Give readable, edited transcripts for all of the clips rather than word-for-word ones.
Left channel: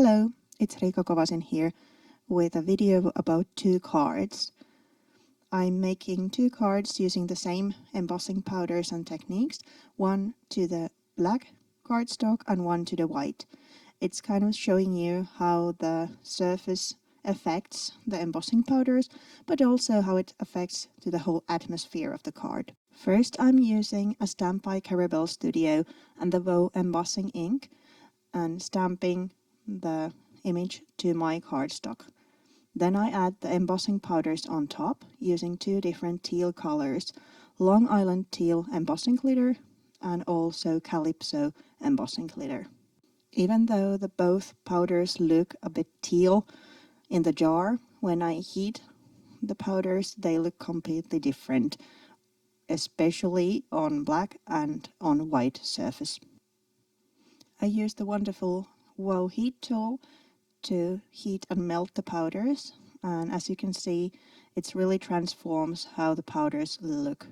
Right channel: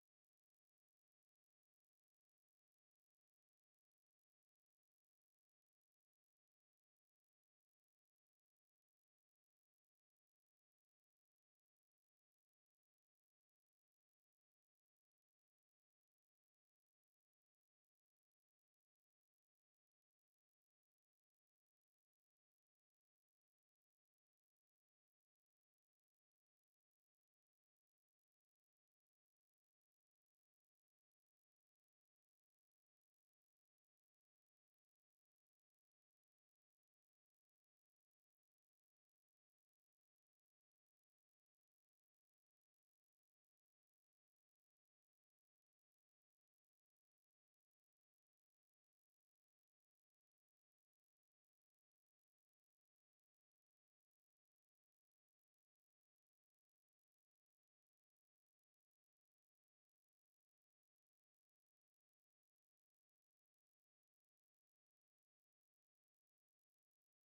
Hello, it's Riikka Kovasin here with a video about two cards. I'm making two cards using the same embossing powders and techniques, one to the black cardstock and one to the white. It's kind of showing you how the surface affects the embossing powders, but also how it affects to the whole atmosphere of the card. First, I'm using a stamp by Carabelle Studio and the Wow embossing ink and stamping the image to my cardstock. Then I add the embossing powders on top using two different teal colors, Long Island Teal embossing glitter and also Calypso embossing glitter. Even though the both powders look a bit teal in the jar, when I heat the powders they look completely different, especially on black and on white surface. I use the wonderful Wow heat tool to heat and melt the powders, and as you can see it really transforms how the powders look.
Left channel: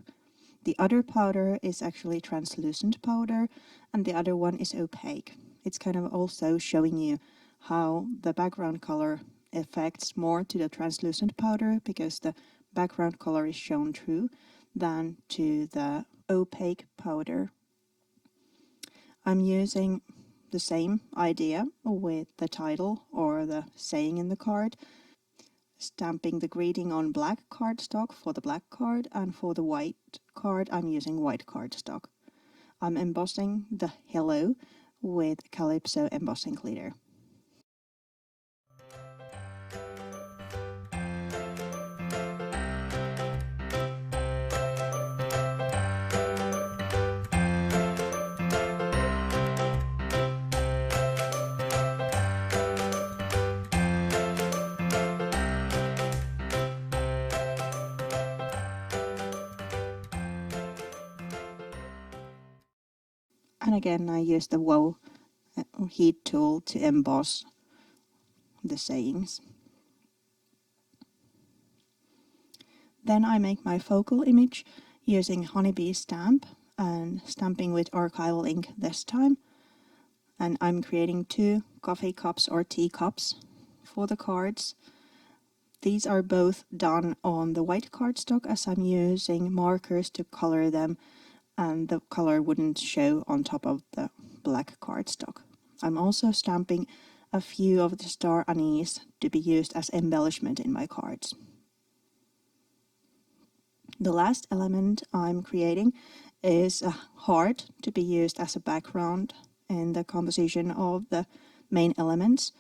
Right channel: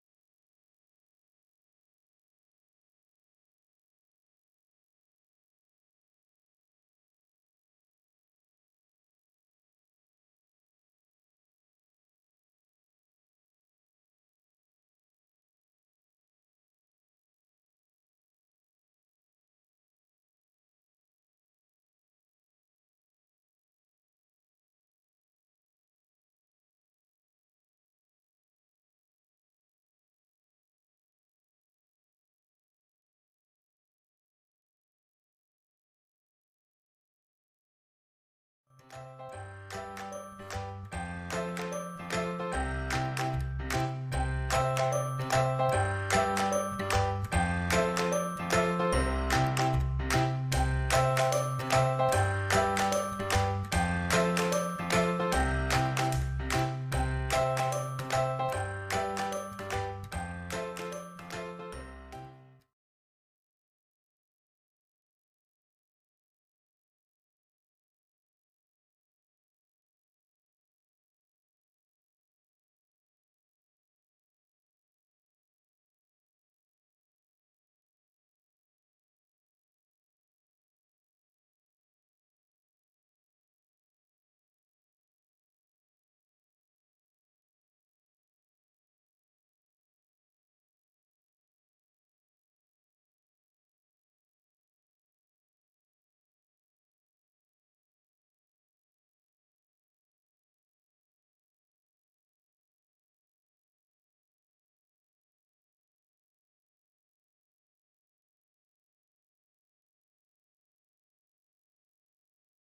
The other powder is actually translucent powder and the other one is opaque. It's kind of also showing you how the background color affects more to the translucent powder because the background color is shown through than to the opaque powder. I'm using the same idea with the title or the saying in the card, stamping the greeting on black cardstock for the black card, and for the white card I'm using white cardstock. I'm embossing the hello with Calypso embossing glitter. And again I use the Wow heat tool to emboss the sayings. Then I make my focal image using honeybee stamp and stamping with archival ink this time. And I'm creating two coffee cups or tea cups for the cards. These are both done on the white cardstock as I'm using markers to color them, and the color wouldn't show on top of the black cardstock. I'm also stamping a few of the star anise to be used as embellishment in my cards. The last element I'm creating is a heart to be used as a background in the composition of the main elements.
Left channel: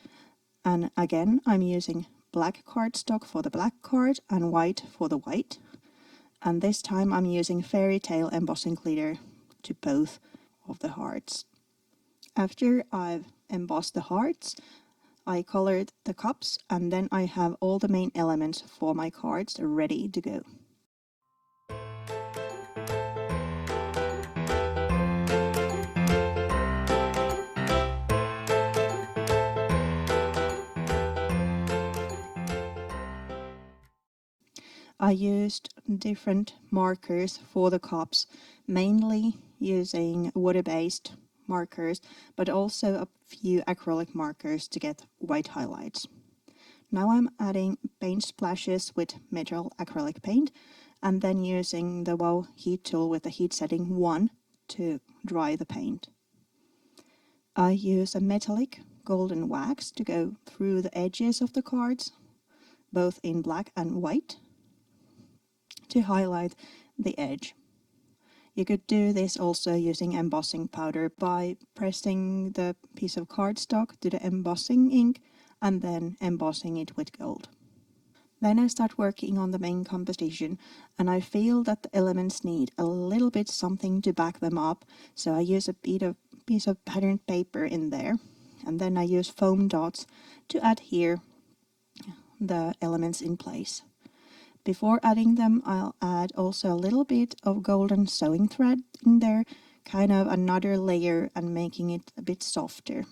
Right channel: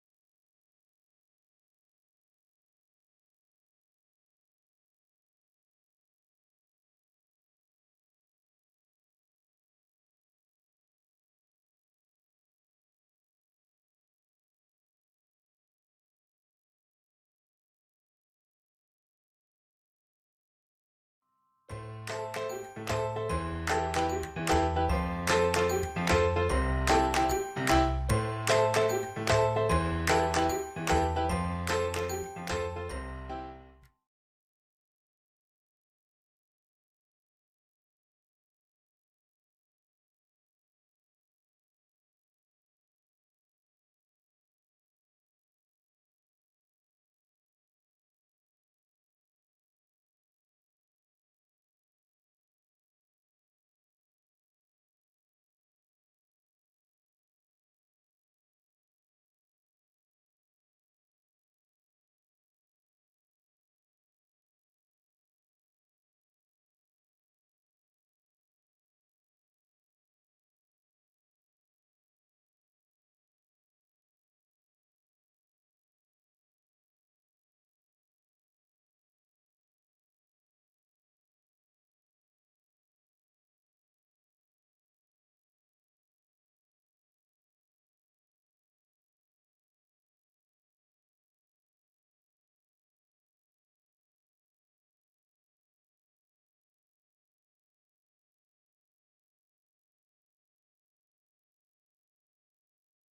And again I'm using black cardstock for the black card and white for the white. And this time I'm using fairy tale embossing glitter to both of the hearts. After I've embossed the hearts, I colored the cups and then I have all the main elements for my cards ready to go. I used different markers for the cups, mainly using water-based markers, but also a few acrylic markers to get white highlights. Now I'm adding paint splashes with metal acrylic paint and then using the Wow heat tool with the heat setting 1 to dry the paint. I use a metallic golden wax to go through the edges of the cards, both in black and white, to highlight the edge. You could do this also using embossing powder by pressing the piece of cardstock to the embossing ink and then embossing it with gold. Then I start working on the main composition and I feel that the elements need a little bit something to back them up, so I use a piece of patterned paper in there, and then I use foam dots to adhere the elements in place. Before adding them, I'll add also a little bit of golden sewing thread in there, kind of another layer and making it a bit softer.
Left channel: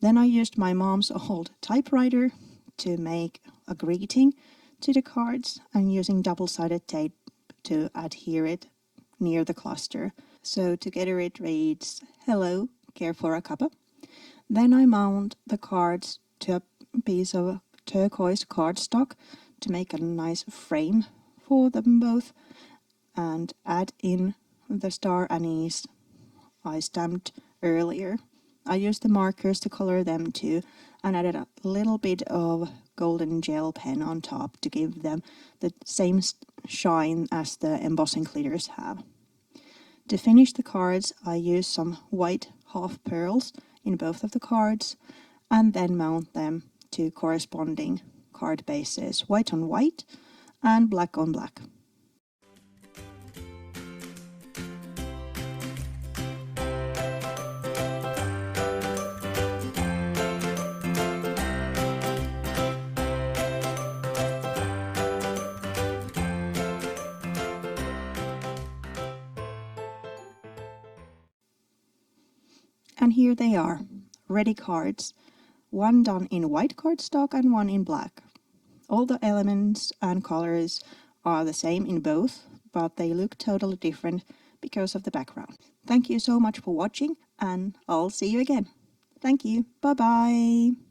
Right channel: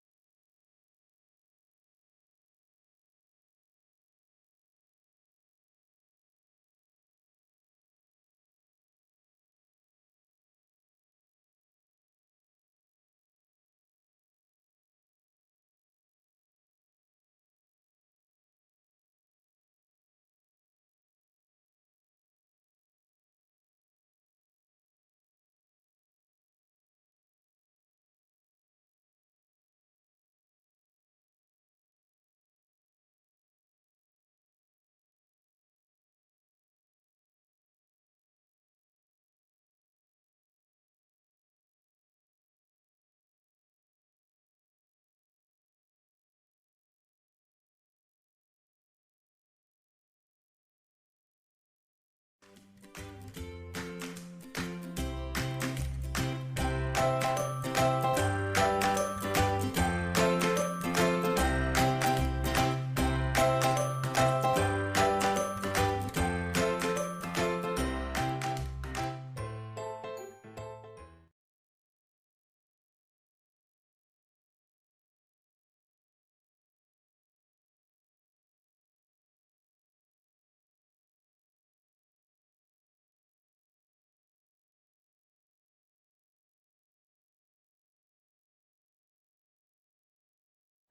Then I used my mom's old typewriter to make a greeting to the cards and using double-sided tape to adhere it near the cluster. So together it reads, "Hello, care for a cuppa?" Then I mount the cards to a piece of turquoise cardstock to make a nice frame for them both, and add in the star anise I stamped earlier. I used the markers to color them too, and added a little bit of golden gel pen on top to give them the same shine as the embossing glitters have. To finish the cards, I used some white half pearls in both of the cards, and then mount them to corresponding card bases, white on white and black on black. And here they are, ready cards, one done in white cardstock and one in black. All the elements and colors are the same in both, but they look totally different because of the background. Thank you so much for watching, and I'll see you again. Thank you. Bye bye.